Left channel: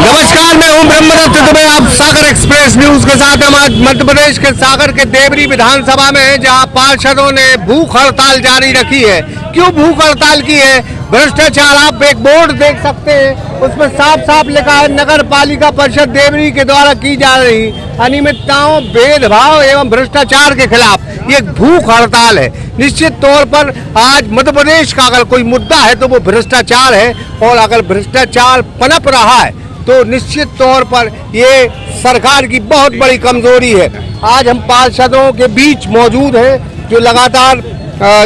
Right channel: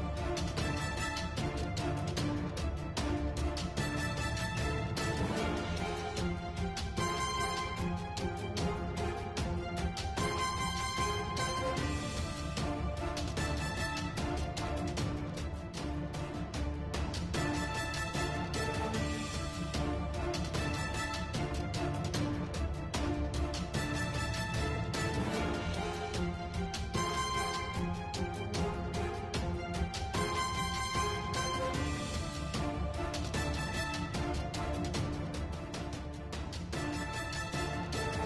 नमस्कार, मैं हूं ब्रह्मदत्त दुबे। आप सागर एक्सप्रेस न्यूज के साथ हम आज मध्य प्रदेश के सागर के देवरी विधानसभा में हैं, जहां पार्षदों ने भूख हड़ताल जारी रखी है। क्यों भूख हड़ताल की है? भ्रष्टाचार। आप एक बोर्ड देख सकते हैं, उसमें साफ साफ लिखा है नगर पालिका परिषद देवरी के द्वारा की जा रही अनियमितताओं, भेदभाव एवं भ्रष्टाचार के खिलाफ ये भूख हड़ताल है। निश्चित तौर पर आज मध्य प्रदेश का अगर कोई मुद्दा है तो वो भ्रष्टाचार है, और अगर भ्रष्टाचार पनप रहा है तो निश्चित तौर पर ये सरकार की बहुत बड़ी कमजोरी है। आज हम पार्षदों के बीच मौजूद हैं जो लगातार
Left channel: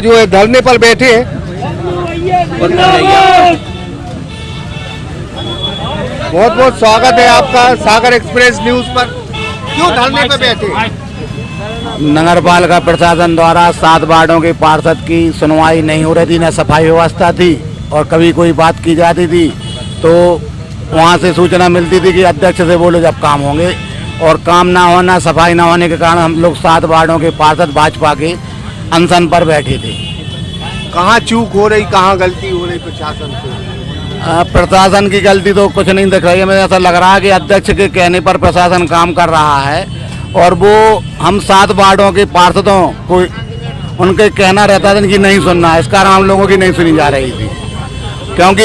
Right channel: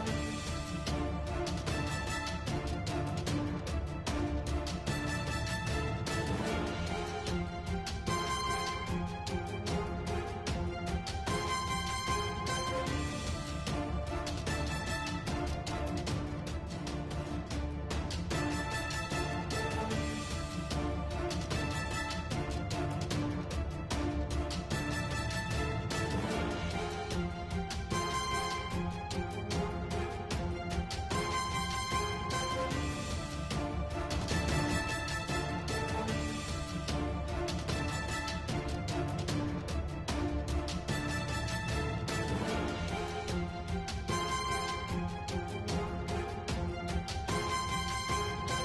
जो है धरने पर बैठे हैं। बहुत बहुत स्वागत है आपका सागर एक्सप्रेस न्यूज पर। क्यों धरने पर बैठे हैं? नगर पालिका प्रशासन द्वारा 7 वार्डों के पार्षद की सुनवाई नहीं हो रही थी, न सफाई व्यवस्था थी, और कभी कोई बात की जाती थी तो वहाँ से सूचना मिलती थी कि अध्यक्ष से बोलो जब काम होंगे, और काम ना होना, सफाई ना होने के कारण हम लोग 7 वार्डों के पार्षद भाजपा के अनशन पर बैठे थे। कहाँ चूक हो रही, कहाँ गलती हो रही प्रशासन से? प्रशासन की गलती तो कुछ नहीं दिख रही है। मुझे ऐसा लग रहा है कि अध्यक्ष के कहने पर प्रशासन काम कर रहा है, और वो हम 7 वार्डों के पार्षदों को उनके कहना रहता था कि नहीं सुनना, इस कारण हम लोगों की नहीं सुनी जा रही थी। क्योंकि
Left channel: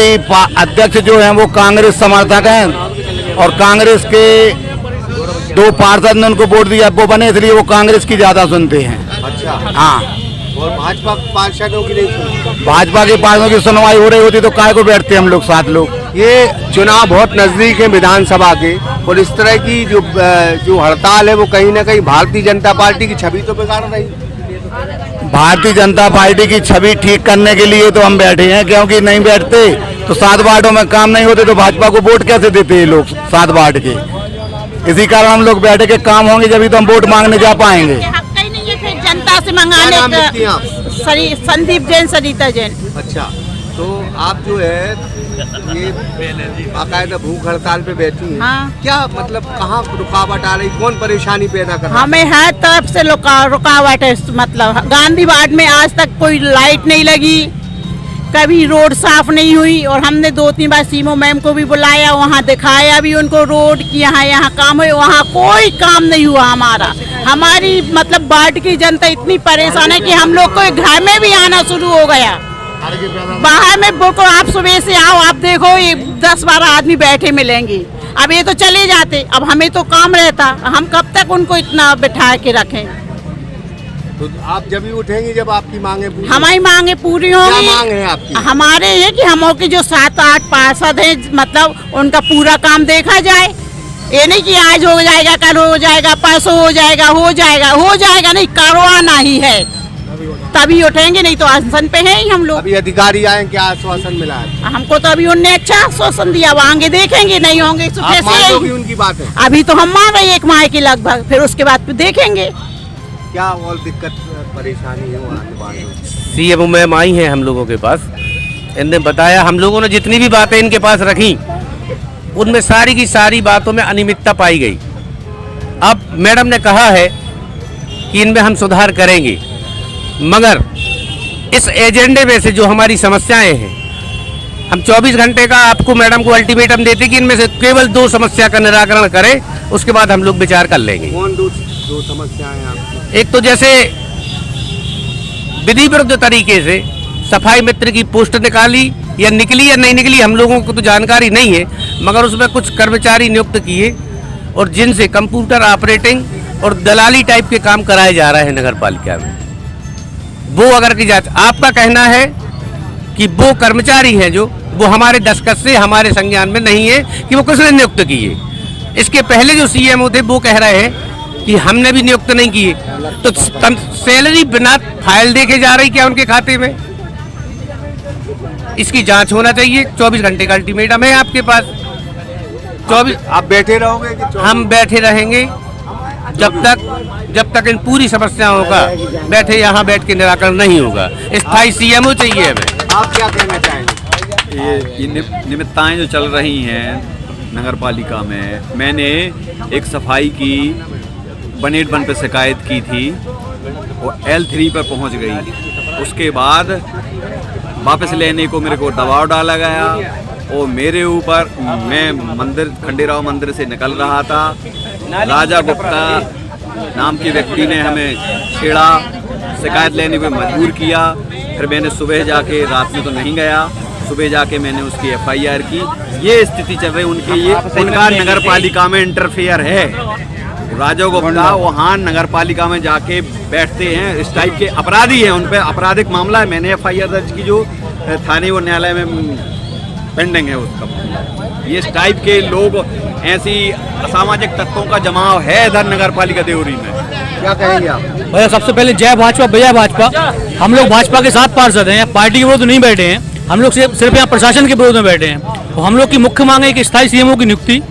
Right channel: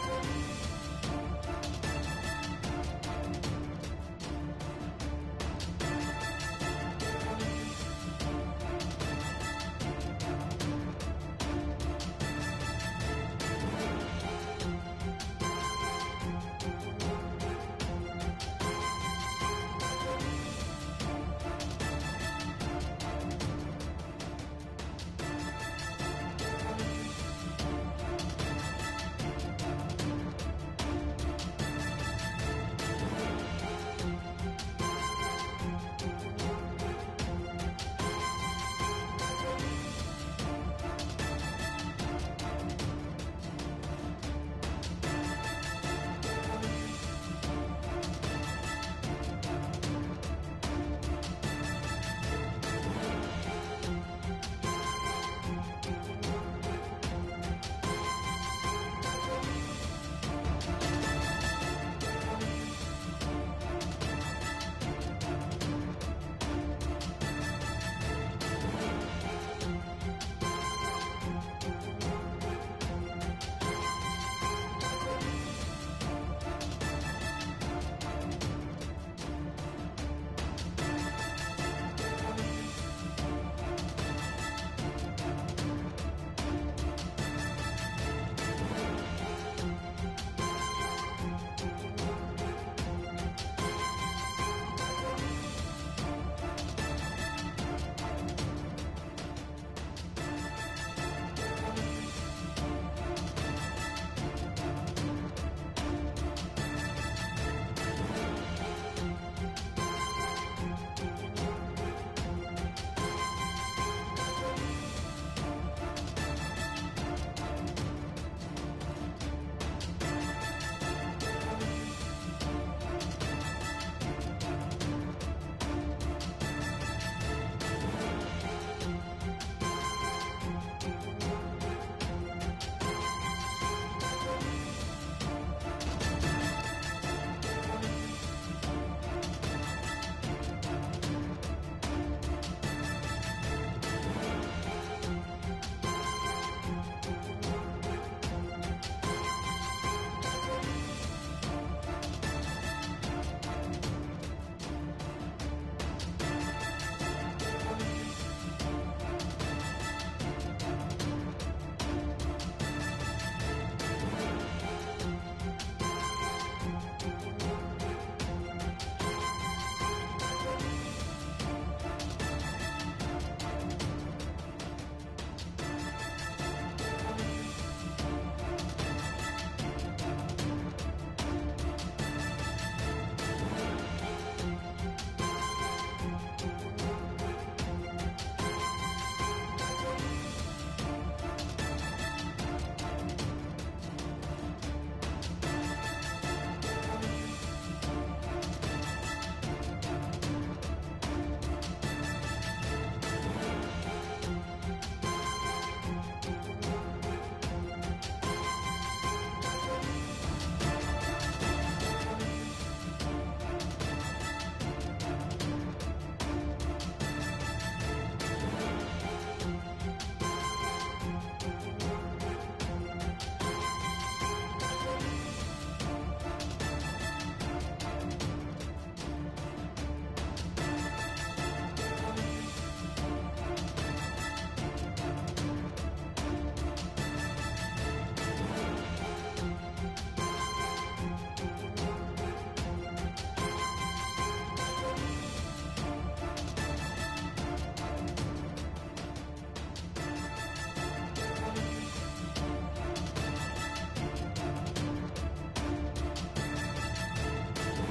अध्यक्ष जो हैं वो कांग्रेस समर्थक हैं, और कांग्रेस के 2 पार्षद ने उनको वोट दिया, वो बने, इसलिए वो कांग्रेस की ज़्यादा सुनते हैं। अच्छा, हाँ। और भाजपा पार्षदों की नहीं सुनते? भाजपा के पार्षदों की सुनवाई हो रही होती तो काय को बैठते हम लोग 7 लोग। ये चुनाव बहुत नजदीक है विधानसभा के, और इस तरह की जो हड़ताल है वो कहीं ना कहीं भारतीय जनता पार्टी की छवि तो बिगाड़ रही है। भारतीय जनता पार्टी की छवि ठीक करने के लिए तो हम बैठे हैं, क्योंकि नहीं बैठते तो 7 वार्डों में काम नहीं होते तो भाजपा को वोट कैसे देते हैं लोग 7 वार्ड के। इसी कारण हम लोग बैठे के काम होंगे जब तो हम वोट मांगने जा पाएंगे। जनता से मंगाने का। संदीप जैन, सरिता जैन। अच्छा, तो आप जो है ये बाकायदा भूख हड़ताल पे बैठी हैं। हाँ। क्या मतलब कहाँ रुकावट आ रही, कौन परेशानी पैदा कर रहा है? हमें हर तरफ से रुकावट है। मतलब गांधी वार्ड में आज तक कोई लाइट नहीं लगी, कभी रोड साफ नहीं हुई, और हमने 2-3 बार सीमो मैम को भी बुलाया, वहाँ दिखाया भी उनको रोड की यहाँ काम है, वहाँ कोई काम नहीं हुआ हमारा। हमारी मतलब वार्ड की जनता इतनी परेशान है कि हम लोग को घर में भी आना शुरू हो गया। बाहर में बिल्कुल आप सुबह से आओ, आप देखो ये 10-12 आदमी बैठे मिलेंगे। अब ये तो चले जाते, अब हमें तो काम रहता, हम कब तक उनको इतना बिठा के रखें? तो आप जब भी उठेंगे जब आपकी मांगे पूरी, हमारी मांगे पूरी होंगी। क्या मांग है आपकी? हमारे ये कि हम के जो 7-8 पार्षद हैं, मतलब उनका पूरा काम देखा जाए। ये नहीं कि आज हो जाएगा, कल हो जाएगा, परसों हो जाएगा, हो जाएगा नहीं, करवाना ही है तभी उठेंगे, नहीं तो आश्वासन पे है ही हम लोग। अभी अधिकारी आए, क्या आश्वासन मिला है? हमको तो अभी उनने अच्छा आश्वासन दिया, वो आगे देखेंगे, नहीं होंगे तो कैसे? उनकी बात है अभी तो हम मान रहे हैं 1 माह के लगभग, फिर उसके बाद फिर देखेंगे क्या और दिक्कत परेशानी है। सीएम मैम आई हैं हम लोगों के पास, इनने बताया, हम लोगों ने जितनी भी बातें इनके पास रखी उनमें सारी की सारी बातों में अनियमितता पाई गई। अब मैडम ने कहा है कि इनमें हम सुधार करेंगे, मगर इस एजेंडे में से जो हमारी समस्याएं हैं, हम 24 घंटे का आपको मैडम को अल्टीमेटम देते कि इनमें से केवल 2 समस्या का निराकरण करें, उसके बाद हम लोग विचार कर लेंगे। कौन 2 समस्याएं आपकी? एक तो जैसे विधि विरुद्ध तरीके से सफाई मित्र की पोस्ट निकाली या निकली या नहीं निकली, हम लोगों को तो जानकारी नहीं है, मगर उसमें कुछ कर्मचारी नियुक्त किए और जिनसे कंप्यूटर ऑपरेटिंग और दलाली टाइप के काम कराए जा रहे हैं नगर पालिका में, वो अगर की जाए, आपका कहना है कि वो कर्मचारी हैं जो वो हमारे दस्तखत से हमारे संज्ञान में नहीं है कि वो किसने नियुक्त किए। इसके पहले जो सीएमओ थे वो कह रहे हैं कि हमने भी नियुक्त नहीं किए, तो सैलरी बिना फाइल देखे जा रही क्या उनके खाते में? इसकी जांच होना चाहिए। 24 घंटे का अल्टीमेटम है आपके पास। 24 आप बैठे रहोगे कि हम बैठे रहेंगे जब तक इन पूरी समस्याओं का यहाँ बैठ के निराकरण नहीं होगा। स्थायी सीएमओ चाहिए हमें। आप क्या कहना चाहेंगे? ये नियमितताएं जो चल रही हैं नगर पालिका में, मैंने एक सफाई की 181 पे शिकायत की थी, वो L3 पर पहुंच गई। उसके बाद वापस लेने को मेरे को दबाव डाला गया, और मेरे ऊपर, मैं मंदिर खंडेराव मंदिर से निकल रहा था, राजा गुप्ता नाम के व्यक्ति ने हमें छेड़ा, शिकायत लेने पे मजबूर किया। फिर मैंने सुबह जाके, रात में तो नहीं गया, सुबह जाके मैंने उसकी FIR की। ये स्थिति चल रही उनके, ये उनका नगर पालिका में इंटरफेयर है। राजा गुप्ता वहाँ नगर पालिका में जाके बैठते हैं, इस टाइप के अपराधी हैं, उन पर आपराधिक मामला है। मैंने FIR दर्ज की जो थाने व न्यायालय में पेंडिंग है उसका। ये इस टाइप के लोग, ऐसी असामाजिक तत्वों का जमाव है इधर नगर पालिका देवरी में। क्या कहेंगे आप? भैया सबसे पहले जय भाजपा, भैया भाजपा। हम लोग भाजपा के साथ पार्षद हैं, पार्टी के विरोध नहीं बैठे हैं। हम लोग सिर्फ यहाँ प्रशासन के विरोध में बैठे हैं। तो हम लोग की मुख्य मांग है कि स्थायी CMO की नियुक्ति,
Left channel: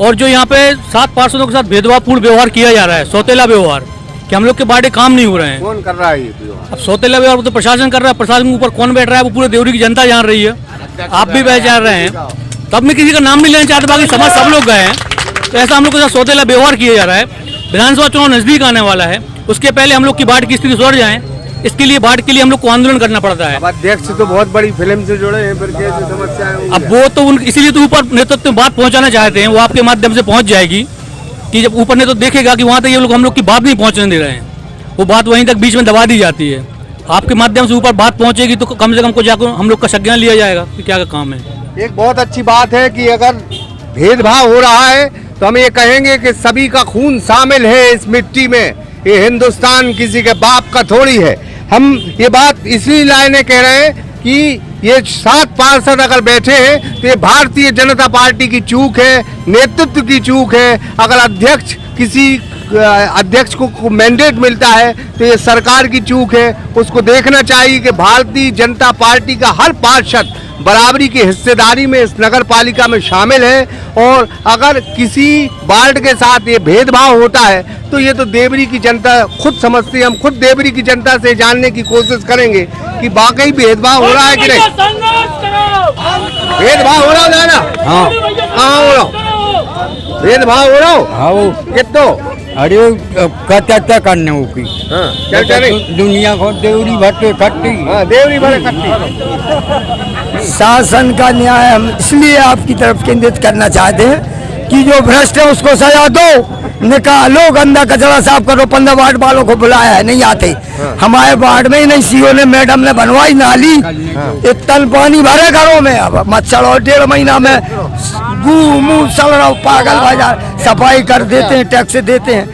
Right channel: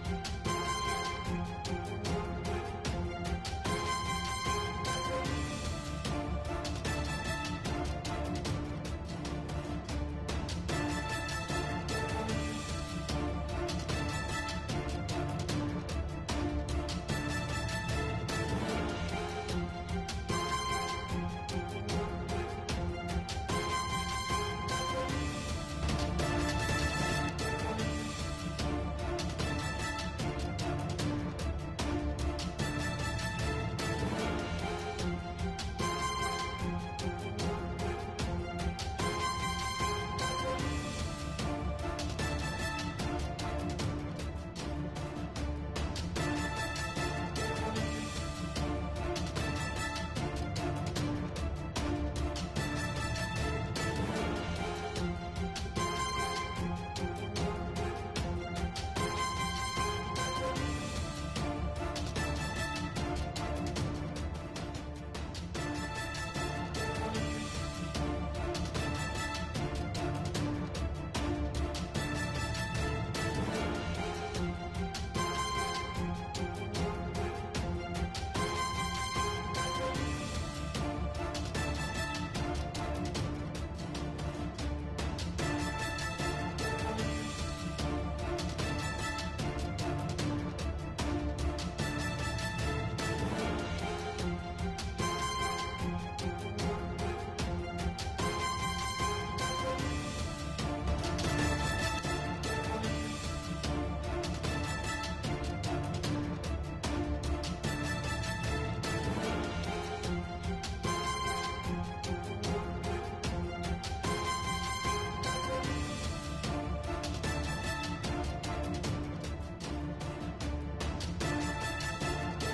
और जो यहाँ पे 7 पार्षदों के साथ भेदभावपूर्ण व्यवहार किया जा रहा है, सौतेला व्यवहार, कि हम लोग के बाड़े काम नहीं हो रहे हैं। कौन कर रहा है ये? अब सौतेला व्यवहार तो प्रशासन कर रहा है, प्रशासन के ऊपर कौन बैठ रहा है वो पूरे देवरी की जनता जान रही है, आप भी पहचान रहे हैं। तब मैं किसी का नाम नहीं लेना चाहता, बाकी समाज सब लोग गए हैं। तो ऐसा हम लोग के साथ सौतेला व्यवहार किया जा रहा है। विधानसभा चुनाव नजदीक आने वाला है, उसके पहले हम लोग की बाढ़ की स्थिति सुधर जाए, इसके लिए बाढ़ के लिए हम लोग को आंदोलन करना पड़ता है। अब अध्यक्ष तो बहुत बड़ी फिल्म से जुड़े हैं, फिर कैसे समस्या है? अब वो तो इसीलिए तो ऊपर नेतृत्व में बात पहुंचाना चाहते हैं, वो आपके माध्यम से पहुंच जाएगी कि जब ऊपर नेतृत्व देखेगा कि वहां तक ये लोग हम लोग की बात नहीं पहुंचने दे रहे हैं, वो बात वहीं तक बीच में दबा दी जाती है। आपके माध्यम से ऊपर बात पहुंचेगी तो कम से कम को जाकर हम लोग का संज्ञान लिया जाएगा कि क्या का काम है। एक बहुत अच्छी बात है कि अगर भेदभाव हो रहा है तो हम ये कहेंगे कि सभी का खून शामिल है इस मिट्टी में। ये हिंदुस्तान किसी के बाप का थोड़ी है। हम ये बात इसलिए लाने कह रहे हैं कि ये 7 पार्षद अगर बैठे हैं तो ये भारतीय जनता पार्टी की चूक है, नेतृत्व की चूक है। अगर अध्यक्ष किसी अध्यक्ष को मैंडेट मिलता है तो ये सरकार की चूक है। उसको देखना चाहिए कि भारतीय जनता पार्टी का हर पार्षद बराबरी की हिस्सेदारी में इस नगर पालिका में शामिल है, और अगर किसी वार्ड के साथ ये भेदभाव होता है तो ये तो देवरी की जनता खुद समझती है। हम खुद देवरी की जनता से जानने की कोशिश करेंगे कि वाकई भेदभाव हो रहा है कि नहीं। भेदभाव हो रहा हो ना? हाँ, कहाँ हो रहा? भेदभाव हो रहा हो? हाँ, कितो अरे क्या करने हो की? हाँ, क्या नहीं? दुनिया को देवरी भट्टे खट्टी। हाँ, देवरी भरे खट्टी। शासन का न्याय हम इसलिए आपकी तरफ केंद्रित करना चाहते हैं कि जो भ्रष्ट है उसको सजा दो, निकालो, गंदा कचरा साफ करो। 15 वार्ड वालों को बुलाया है, नहीं आते। हमारे वार्ड में ही नहीं, CO ने, मैडम ने बनवाई नाली, एक टन पानी भरे घरों में। अब मच्छर, और 1.5 महीना में मुंह चल रहा, पागल बाजार। सफाई कर देते हैं, टैक्स देते हैं,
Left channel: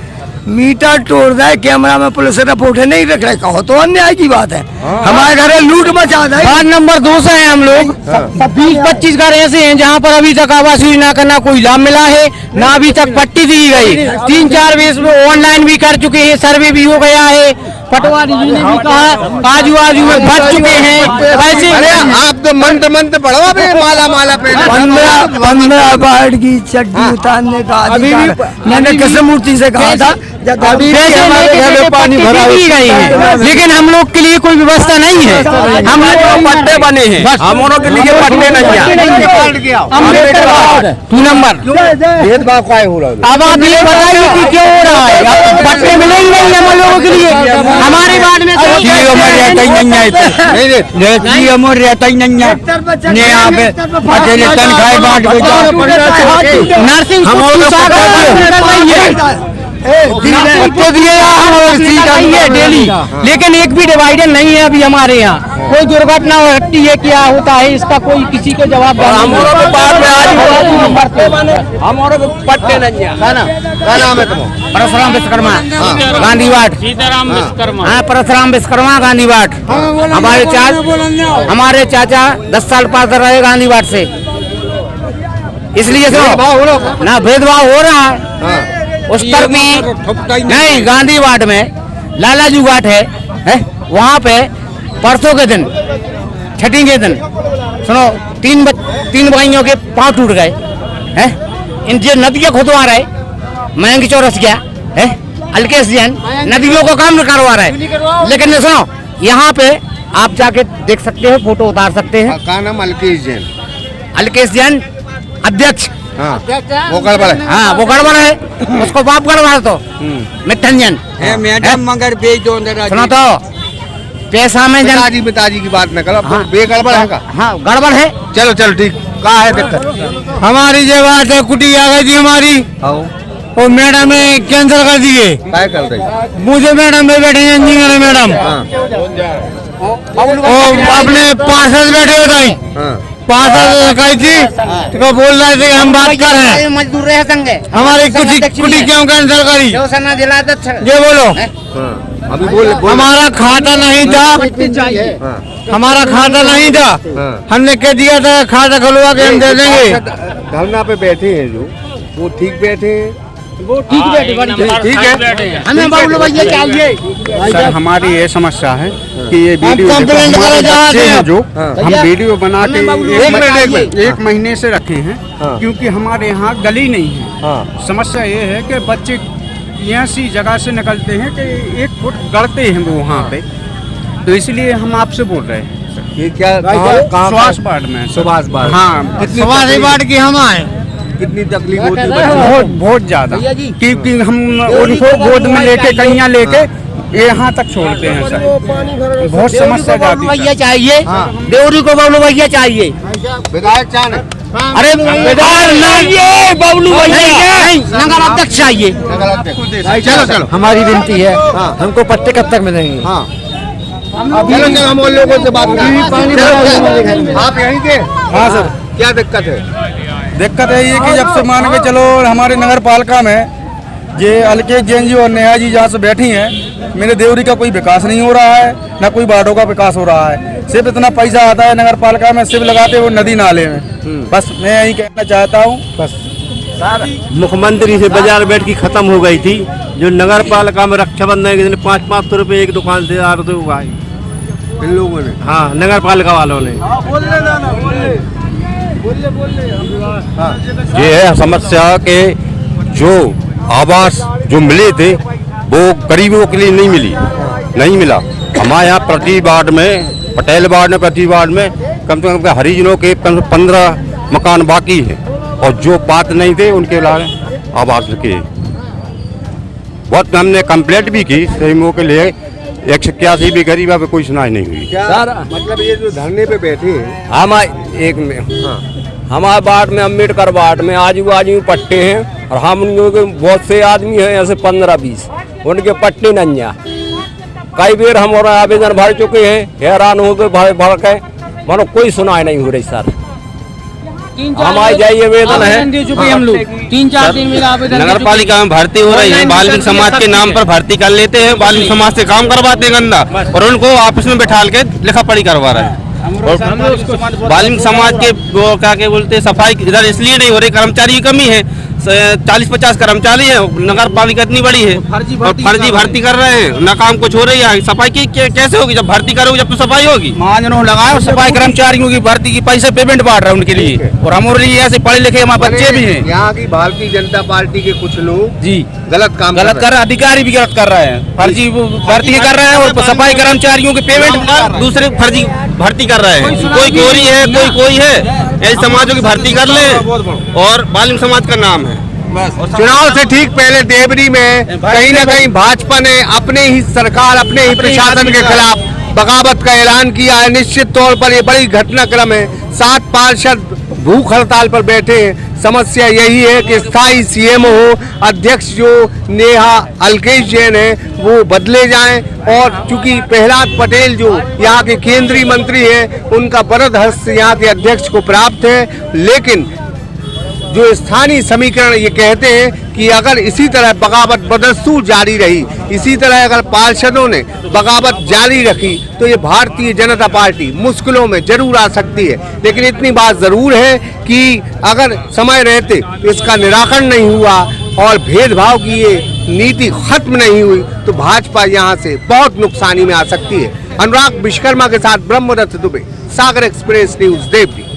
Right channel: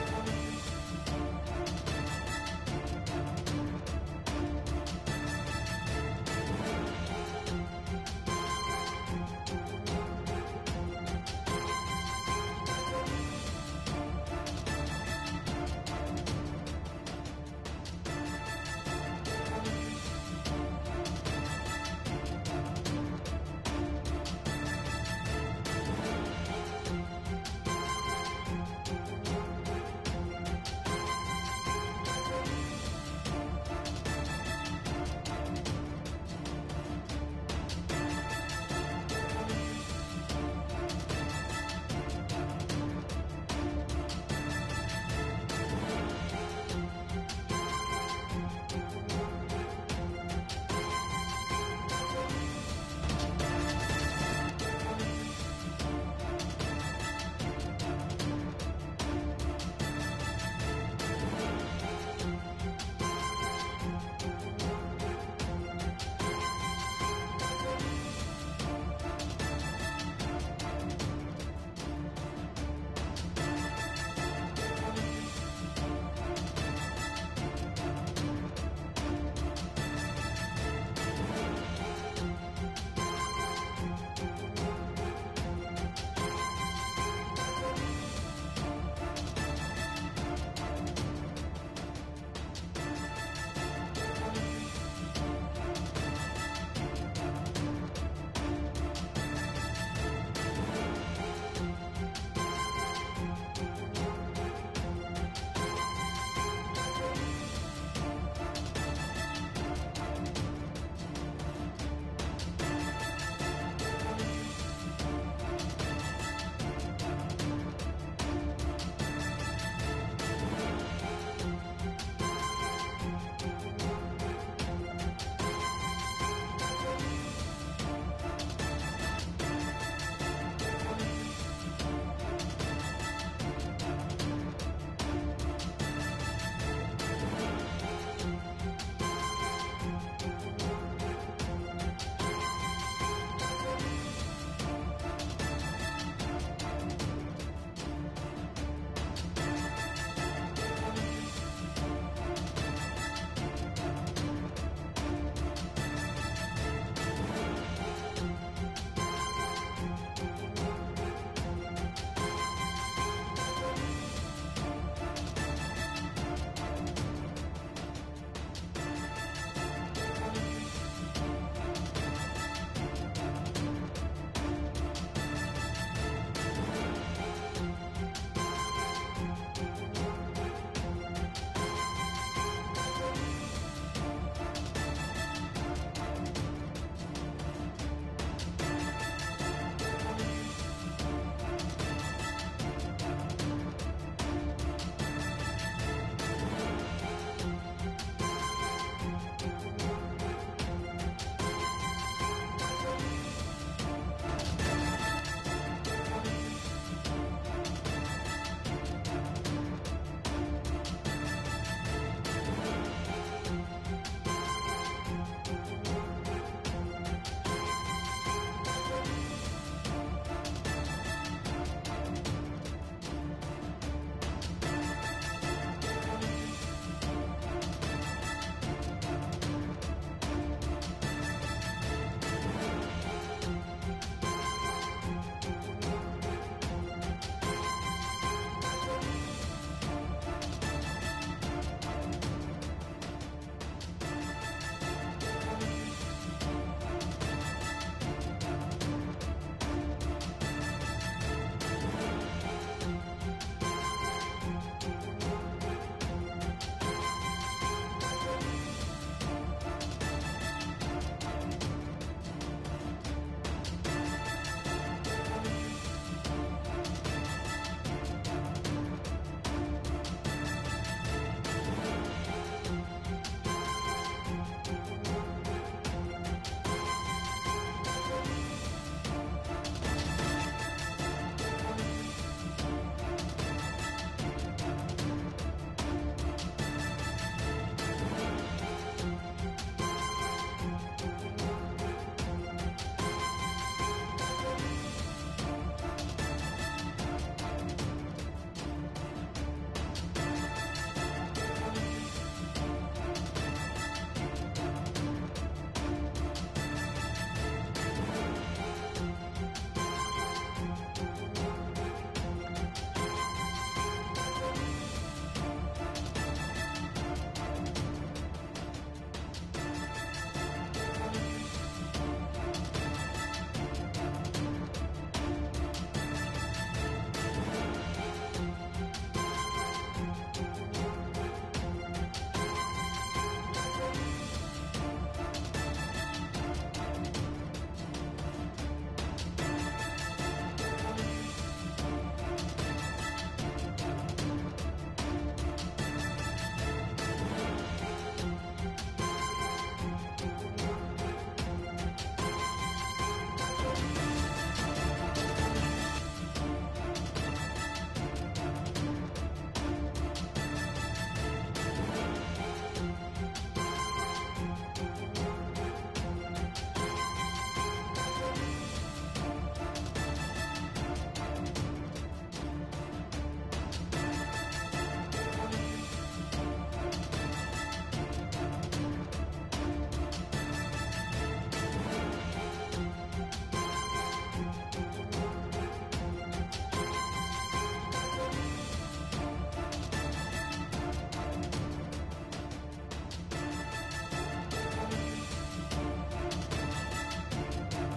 मीटर तोड़ रहे, कैमरा में पुलिस रिपोर्ट नहीं रख रहे, कहो तो अन्याय की बात है। हमारे घर लूट मचा रहे। वार्ड नंबर 2 से हैं हम लोग। 20-25 घर ऐसे हैं जहाँ पर अभी तक आवास योजना का ना कोई लाभ मिला है, ना अभी तक पट्टी दी गई। 3-4 बेस में ऑनलाइन भी कर चुके हैं, सर्वे भी हो गया है, पटवारी जी ने भी कहा आजू बाजू में भर चुके हैं। ऐसे अरे आप तो मंत्र पढ़ो भी, माला पे 15 वार्ड की चड्डी उतारने का अधिकार मैंने कृष्णमूर्ति से कहा था। पानी भरा गई है, लेकिन हम लोग के लिए कोई व्यवस्था नहीं है। हम लोग पट्टे बने हैं, हम लोगों के लिए पट्टे नहीं है। 2 नंबर भेदभाव क्या हो रहा है? अब आप ये बताइए कि क्यों हो रहा है? पट्टे मिलेंगे नहीं हम लोगों के लिए। हमारे वार्ड में रहता ही नहीं है, यहाँ पे अकेले तनख्वाह बांट नर्सिंग डेली, लेकिन एक भी डिवाइडर नहीं है अभी हमारे यहाँ। कोई दुर्घटना घटती है, क्या होता है इसका कोई किसी को जवाब पट्टे नहीं है। क्या नाम है तुम्हारा? परशुराम विश्वकर्मा, गांधी वार्ड। हाँ, परशुराम विश्वकर्मा, गांधी वार्ड। हमारे चाचा 10 साल पास रहे गांधी वार्ड से, इसलिए ना भेदभाव हो रहा है। उस तरफ में नहीं, गांधी वार्ड में लालाजू घाट है, वहाँ पे परसों के दिन, छठी के दिन, सुनो, 3 भाइयों के पांव टूट गए हैं। इन जो नदियाँ खुदवा रहे, महंगी चौरस गया है, अलकेश जैन नदियों को काम करवा रहे हैं। लेकिन सुनो, यहाँ पे आप जाके देख सकते हो, फोटो उतार सकते हैं। क्या नाम? अलकेश जैन। अलकेश जैन अध्यक्ष। हाँ, वो गड़बड़ है। हाँ, वो गड़बड़ है, उसको बाप गड़बड़ तो मिठन जैन। मैडम मगर बेच दो। सुनो तो, पैसा में पिताजी की बात न करो, हाँ। बेगड़बड़ है का? हाँ गड़बड़ है। चलो चलो ठीक, कहा है दिक्कत? हमारी जो बात है, कुटी आ गई थी हमारी, वो मैडम ने कैंसिल कर दिए। क्या कर रही? मुझे मैडम में बैठे हैं, इंजीनियर है मैडम, वो अपने पार्षद बैठे होते हैं, पार्षद कही थी तो बोल रहे थे कि हम बात कर रहे हैं, मजदूर है संघ हमारी कुटी क्यों कैंसिल करी? ये बोलो, अभी बोल हमारा खाता नहीं था, हमारा खाता नहीं था, हमने कह दिया था खाता खुलवा के हम दे देंगे। धरना पे बैठे हैं जो, वो ठीक बैठे हैं, वो ठीक है, हमें बाबू भैया चाहिए। सर हमारी ये समस्या है कि ये वीडियो कंप्लेंट हमारे करो बच्चे जहाँ हैं जो हम वीडियो बना के एक 1 महीने से रखे हैं, क्योंकि हमारे यहाँ गली नहीं है। समस्या ये है कि बच्चे ऐसी जगह से निकलते हैं कि 1 फुट गड़ते हैं वो वहाँ पे, तो इसलिए हम आपसे बोल रहे हैं। ये क्या सुभाष वार्ड में। सुभाष वार्ड। हाँ, सुभाष वार्ड की हम आए, कितनी तकलीफ होती है? बहुत ज्यादा, क्योंकि हम उनको गोद में लेके कन्या लेके यहाँ तक छोड़ते हैं सर, बहुत समस्या जाती है। भैया चाहिए, देवरी को बबलू भैया चाहिए। विधायक चाहे अरे चाहिए बबलू भैया नहीं, नगर अध्यक्ष चाहिए। चलो चलो, हमारी विनती है, हमको पट्टे कब तक मिलेंगे? चलो चलो, हम उन लोगों से बात करें। आप यहीं के? हाँ सर। क्या दिक्कत है? दिक्कत है ये कि जब से मान के चलो हमारे नगर पालिका में ये अलकेश जैन जी और नेहा जी जहाँ से बैठी हैं, मेरे देवरी का कोई विकास नहीं हो रहा है, ना कोई वार्डों का विकास हो रहा है। सिर्फ इतना पैसा आता है नगर पालिका में, सिर्फ लगाते वो नदी नाले में। बस मैं यही कहना चाहता हूँ। बस मुख्यमंत्री से बाजार बैठ की खत्म हो गई थी, जो नगर पालिका में रक्षाबंधन के दिन 500 रुपये एक दुकान से आ रहे हुआ इन लोगों ने? हाँ, नगर पालिका वालों ने। ये है समस्या के जो आवास जो मिले थे वो गरीबों के लिए नहीं मिला। हमारे यहाँ प्रति वार्ड में, पटेल वार्ड में प्रति वार्ड में कम से कम हरिजनों के 15 मकान बाकी है, और जो पात्र नहीं थे उनके लिए आवास के बहुत हमने कंप्लेंट भी की सहीमों के लिए। 181 भी गरीब पे कोई सुनाई नहीं हुई। सर मतलब ये जो धरने पे बैठे हैं, हमारे वार्ड में, अम्बेडकर वार्ड में आजू बाजू पट्टे हैं, और हम उनके बहुत से आदमी हैं, ऐसे 15-20 उनके पट्टे नहीं हैं। कई बार हम और आवेदन भर चुके हैं, हैरान हो गए भर के, मानो कोई सुनाई नहीं हो रही सर। हमारी जाइए आवेदन है, हम लोग 3-4 दिन में आवेदन नगर पालिका में भर्ती हो रही है, बाल्मीकि समाज के नाम पर भर्ती कर लेते हैं, बाल्मीकि समाज से काम करवाते हैं गंदा, और उनको ऑफिस में बैठा के लिखा पढ़ी करवा रहे हैं। बाल्मीकि समाज के वो क्या के बोलते हैं, सफाई इधर इसलिए नहीं हो रही, कर्मचारी की कमी है, 40-50 कर्मचारी है, नगर पालिका इतनी बड़ी है, और फर्जी भर्ती कर रहे हैं, ना काम कुछ हो रही है। सफाई की कैसे होगी? जब भर्ती करोगे जब तो सफाई होगी। महाजनों लगाए और सफाई कर्मचारियों की भर्ती की पैसे पेमेंट बांट रहे हैं उनके लिए, और हमारे लिए ऐसे पढ़े लिखे हमारे बच्चे भी हैं। यहाँ की भारतीय जनता पार्टी के कुछ लोग जी गलत कर रहे हैं, अधिकारी भी गलत कर रहे हैं, फर्जी भर्ती कर रहे हैं, और सफाई कर्मचारियों के पेमेंट दूसरे फर्जी भर्ती कर रहे हैं। कोई गोरी है, कोई है, ऐसे समाजों की भर्ती कर ले, और बाल्मीकि समाज का नाम है। चुनाव से ठीक पहले देवरी में कहीं न कहीं भाजपा ने अपने ही सरकार, अपने ही प्रशासन के खिलाफ बगावत का ऐलान किया है। निश्चित तौर पर ये बड़ी घटनाक्रम है। 7 पार्षद भूख हड़ताल पर बैठे हैं। समस्या यही है कि स्थायी सीएम हो, अध्यक्ष जो नेहा अलकेश जैन है वो बदले जाएं, और चूंकि प्रहलाद पटेल जो यहाँ के केंद्रीय मंत्री हैं उनका वरद हस्त यहाँ के अध्यक्ष को प्राप्त है। लेकिन जो स्थानीय समीकरण ये कहते हैं कि अगर इसी तरह बगावत बदस्तूर जारी रही, इसी तरह अगर पार्षदों ने बगावत जारी रखी, तो ये भारतीय जनता पार्टी मुश्किलों में जरूर आ सकती है। लेकिन इतनी बात जरूर है कि अगर समय रहते इसका निराकरण नहीं हुआ और भेदभाव की ये नीति खत्म नहीं हुई, तो भाजपा यहाँ से बहुत नुकसानी में आ सकती है। अनुराग विश्वकर्मा के साथ Brahmadatt Dubey, Sagar Express News, Deori.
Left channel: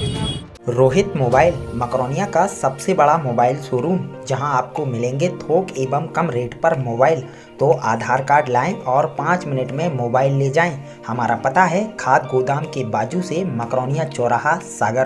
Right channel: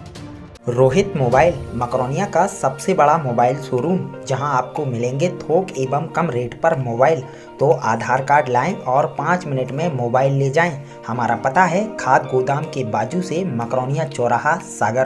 Rohit Mobile Makronia का सबसे बड़ा मोबाइल शोरूम, जहां आपको मिलेंगे थोक एवं कम रेट पर मोबाइल। तो आधार कार्ड लाएं और 5 मिनट में मोबाइल ले जाएं। हमारा पता है खाद गोदाम के बाजू से, मकरोनिया चौराहा, सागर।